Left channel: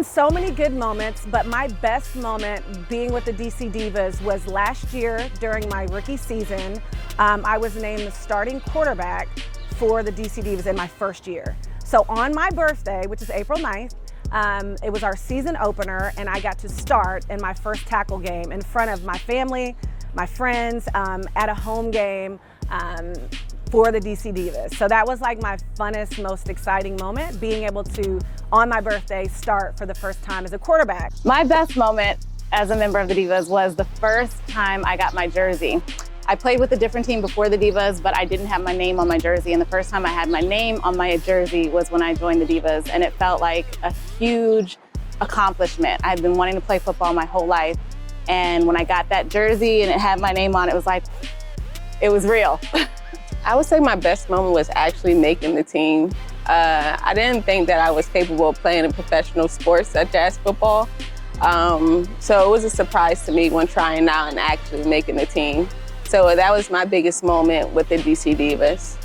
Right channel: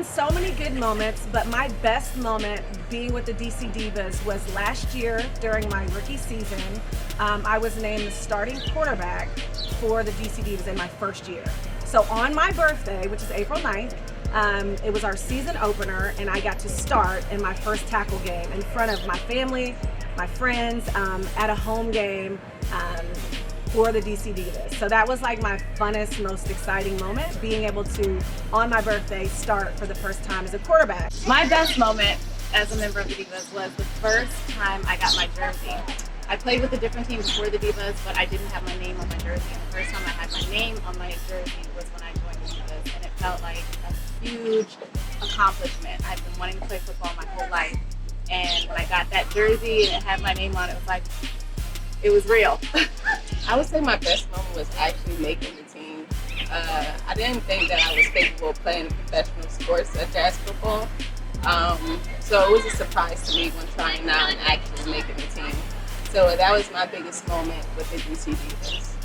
been so many good moments, but my best moment being with the DC Divas was last year during my rookie season. I was named the starting quarterback for the DC Divas in my first year. So on my birthday, which is April 9th, it was our season opener, and I got to start in my first tackle game in front of my family, my friends, at a home game for the DC Divas. So that was like my funnest, most exciting moment, being able to, on my birthday, start for the first time as a quarterback. My best moment as a member of the Divas was the first time I got my jersey. I played with a different team before the Divas, but I didn't have my name on my jersey. And the first time I had my name on my jersey was when I joined the Divas. And it felt like a huge accomplishment. I had been wanting to play football my whole life. And when I got that jersey and it had my name on it, was like, it was real. I would say my best moment was actually making the team. I didn't think that I was capable of playing in professional sports such as football. So it was a surprise to me when trying out and actually making the team. So that was my biggest moment with the DC Divas.